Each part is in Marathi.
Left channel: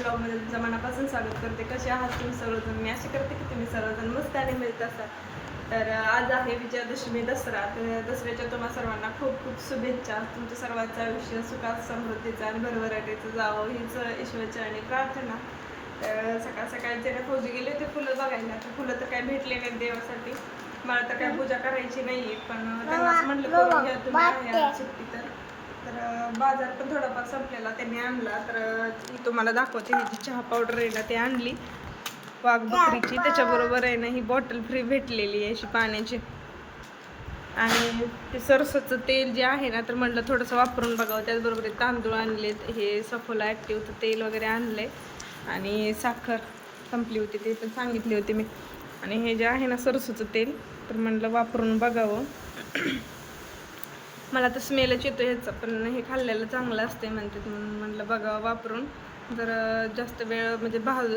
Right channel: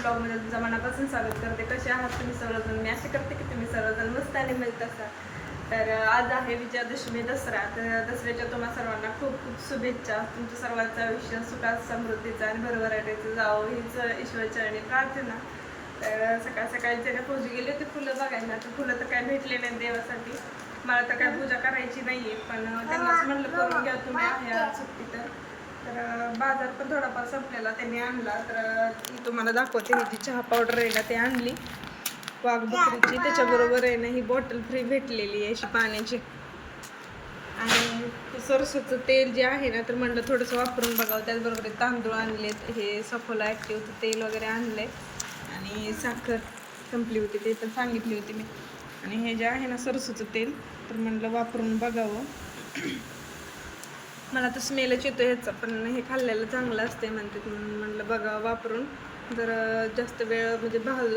ब्लॉगमध्ये तुमचं मनापासून स्वागत करते. कसे आहात तुम्ही सर्वजण? मी असे करते की तुम्ही सर्वजण मस्त आणि मिळत असाल. तर आज आहे विजयादशमी दसरा. तर दसऱ्याच्या तुम्हा सर्वांना खूप खूप शुभेच्छा. तुमच्या सर्वांचं आयुष्य सुखात समृद्धीचं आणि भरभराटीचं जावं. हीच ईश्वरचरणी प्रार्थना. तर सकाळ सकाळी त्याने फौजी गेले होते फुलं बघायला तर फुलं तर काय भेटले नाही देवासाठी. मला तर काय पूजा करायची नाही पण त्यांना असं म्हटलं करून घ्या तुम्ही आहे आज सुट्टी तर. तर बाजार पण थोडाफार संपलेला. त्यांनी आणला. तर मी तुम्हाला दाखवते. ही जी चहा पावडर आहे ना ते आणली. वाघ बकरीची. त्याच्याबरोबर आहे ना ही बॉटल फ्री भेटलेली आहे अशी पाण्याची. आणि ते सरसोचं तेल जे आहे ना तर म्हटलं थोडंसं वापरून बघावं. त्याचबरोबर तांदूळ आणलेत. हे सफोला ॲक्टिव्हचं तेल वगैरे आणलंय. आणि साखर संपली होती ते पण सांगितली होती मी. आणि हे जे आहे ना सरसोचं तेल तर म्हटलं वापरून बघावं. मला तर स्मेलच येतो ह्याचा पण हे खाल्लेलं चांगलं असते म्हणतात म्हणून म्हटलं बघावं वापरून. जर जास्त वेळ म्हणजे भाज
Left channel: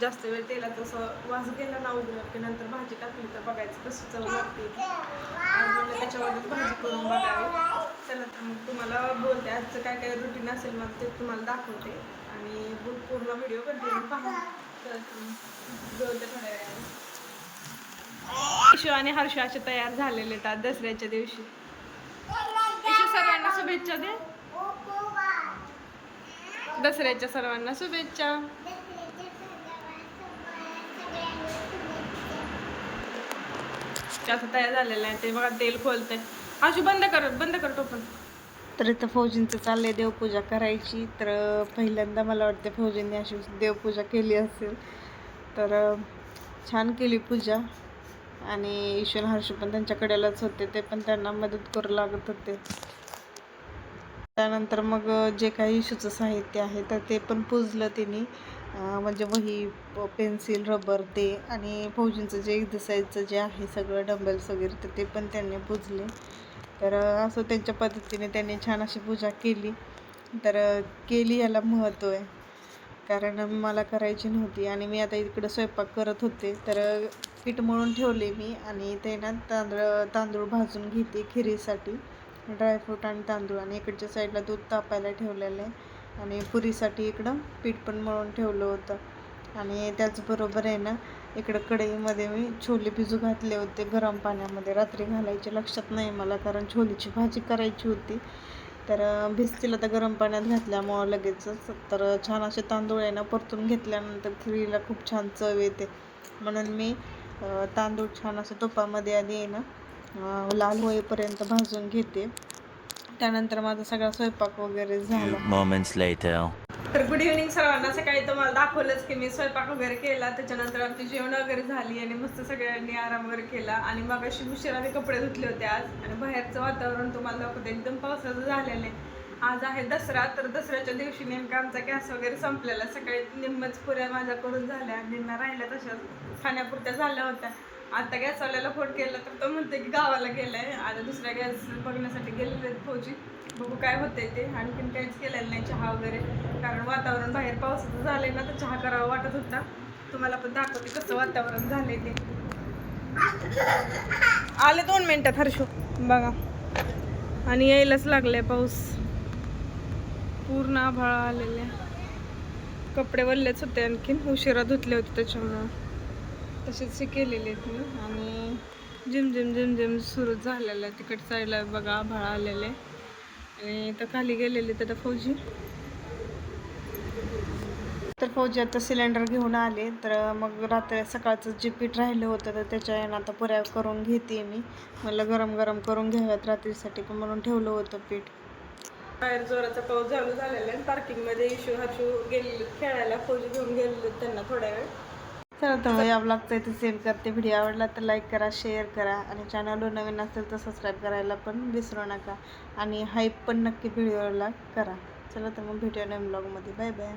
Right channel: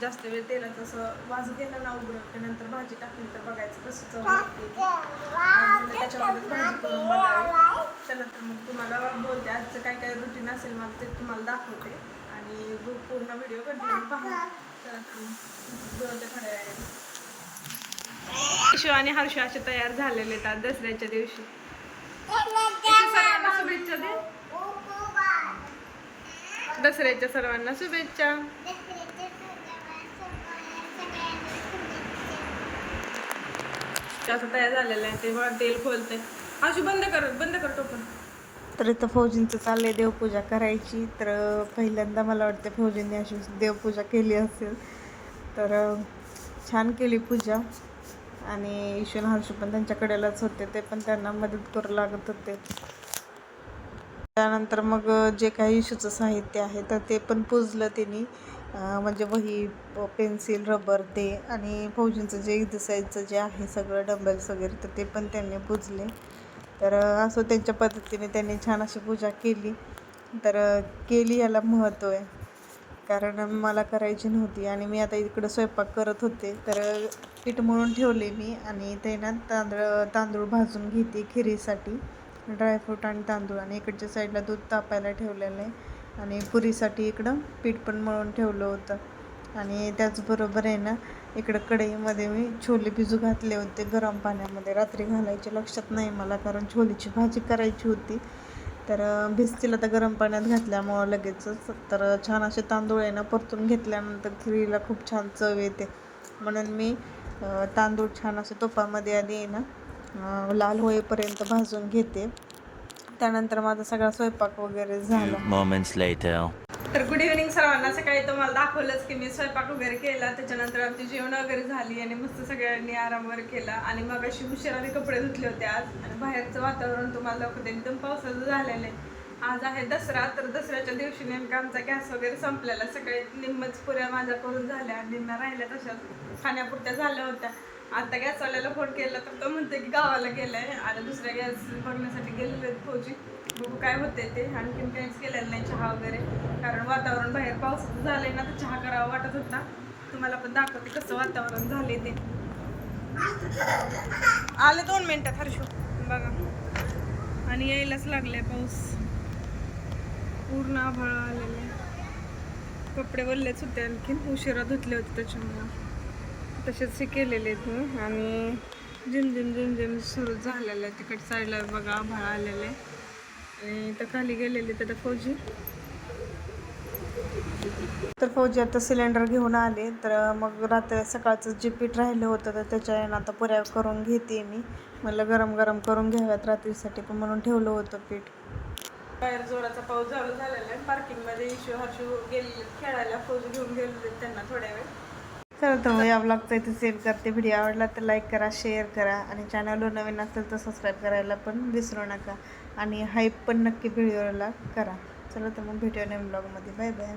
जास्त वेळ तेलाचं असं वास गेला ना उग्र की नंतर भाजी टाकली तर बघायचं कसं चव लागते ती. आज म्हणलं त्याच्यावरच भाजी करून बघावी. चला तर मग तुम्हाला बोलते आजचं काय काय रुटीन असेल माझं ते तुम्हाला दाखवते. आणि पूर्ण व्हिडिओ कंटिन्यू पहा. चला तर मग बोलते थोड्या वेळाने. आणि हर्ष असे तयार झालेले आहेत आज दसऱ्याच्या दिवशी. शुभेच्छा दे. दसऱ्याच्या सर्वांना शुभेच्छा. असं तयार झालेलं आहे ते बघा तेल खोलते आशू बंद कर बंद कर टोपण. तर इथं फौजींचं चाललंय देवपूजा करायची. तर पहिल्यांदा मला वाटते फौजींनी अशी देवपूजा केली असेल. तर छान केली पूजा. आणि ईश्वर हर्ष पण त्यांच्याकडेलाच होते. ते पण त्यांना मदत करू लागत होते. त्यानंतर मग जे काही इशूचं साहित्य आहे तर ते पण पुजलं त्यांनी म्हणजे वही पेन्सिल रबर ते आणि फौजींचं जे एक्झरसाईजचं जे आहे सगळं डंबेल्स वगैरे तर ते पण त्यांनी पुजले. तर असं त्यांच्या पद्धतीने त्यांनी छान अशी पूजा केली. तर केली याला महत्त्व आहे. कारण मला करायची नव्हती आणि मी आता इकडं स्वयंपाक करत होते. तर पीठ मळून ठेवले मी आणि ते ना तांदूळ तांदूळ भाजून घेते खिरीसाठी. ड्रायफ्रूट आणि तांदूळ आणि इकडच्या साईडला दूध तापायला ठेवलेलं आहे. आणि पुरीसाठी इकडं पीठ पण मळून ठेवलं होतं. आणि त्याचबरोबर आहे ना इकडं कढईमध्ये मी छोले भिजू घातले होते गरम पाण्यामध्ये. रात्री घालायचे लक्षात नाही मला कारण छोलीची भाजी करायची होती. तर भिजतील आता गरम पाण्यात घातल्यामुळं लगेचच. तर छान असे तांदूळ आहे ना परतून घेतल्यानंतर खिरीला खूप छान चव येते. म्हणून मी तांदूळ छान असं तुपामध्ये आधी आहे ना लाल होईपर्यंत भाजून घेते. त्यानंतर माझा सगळा स्वयंपाक वगैरे झाला. तर गुड इव्हनिंग सर्वांना. सकाळी तुम्हाला दाखवलंच की मी स्वयंपाक वगैरे केला. त्याच्यानंतर आमची जेवण वगैरे झाली आणि मस्त सगळ्यांनी आराम वगैरे केला. आणि मग अशी उशिराने कपडे धुतले होते आज. आणि बाहेरचं वातावरण तुम्हाला दाखवते. एकदम पावसाचं झालेलं आहे. आज आहे दसरा. तर दसऱ्याच्या दिवशी नेमका आमचा गॅस वगैरे संपलेला. सकाळी निम्मच पुऱ्या माझ्या करून झाल्या निम्म्या राहिल्या तशाच खाण्यापुरत्या झाल्या होत्या. आता गॅसवाल्याला फोन केला तर तो म्हणते की गावाला गेलाय. आता दुसऱ्या गॅस बघण्यासाठी गेलेले आहेत फौजी. बघू काय होते ते. आणखीन काहीच केलेलं नाही चहा वगैरे. कारण वातावरण बाहेर पावसाचं झालंय ना तर चहा करावा वाटत होता. तुम्हाला पण दाखवते कसं वातावरण झालंय ते. आले दोन मिनिटात हर्षू. बघा. आणि यायलाच लागलाय पाऊस. पूर्ण आभाळ आलेले कपडे वल्लेच होते आणखीन. उशिरा धुतले होते त्याच्यामुळं. तसेच हे केलेले आहेत मी. आणि जिम जिम जिम जिम सुरू झालेलं आहे. तिकट साईडला बघा आभाळ आलेले आणि इथं खाली गेलेले तर फौजी. तर फौजी आता सिलेंडर घेऊन आले. तर मग रात्री सकाळचं जे पीठ राहिलं होतं तर त्याच्या यानं आता पुऱ्या करून घेते मी. मला गरम गरम करून घ्याव्यात रात्रीसाठी पण म्हणून ठेवलं होतं पीठ. बाहेर जोराचा पाऊस चालू झालेला आहे. पार्किंगमध्ये इशू हाशू गेलेले खेळायला फौजी घेऊन गेलेले त्यांना थोड्या वेळ. तर मग या ब्लॉगचा इथे सेव्ह करते. व्हिडिओ आवडला तर लाईक करा शेअर करा. आणि चॅनलवर नवीन असेल तर सबस्क्राईब करायला पण विसरू नका. आणि हाईप पण नक्की व्हिडिओला करा. चला तर मग भेटूया नवीन ब्लॉगमध्ये बाय बाय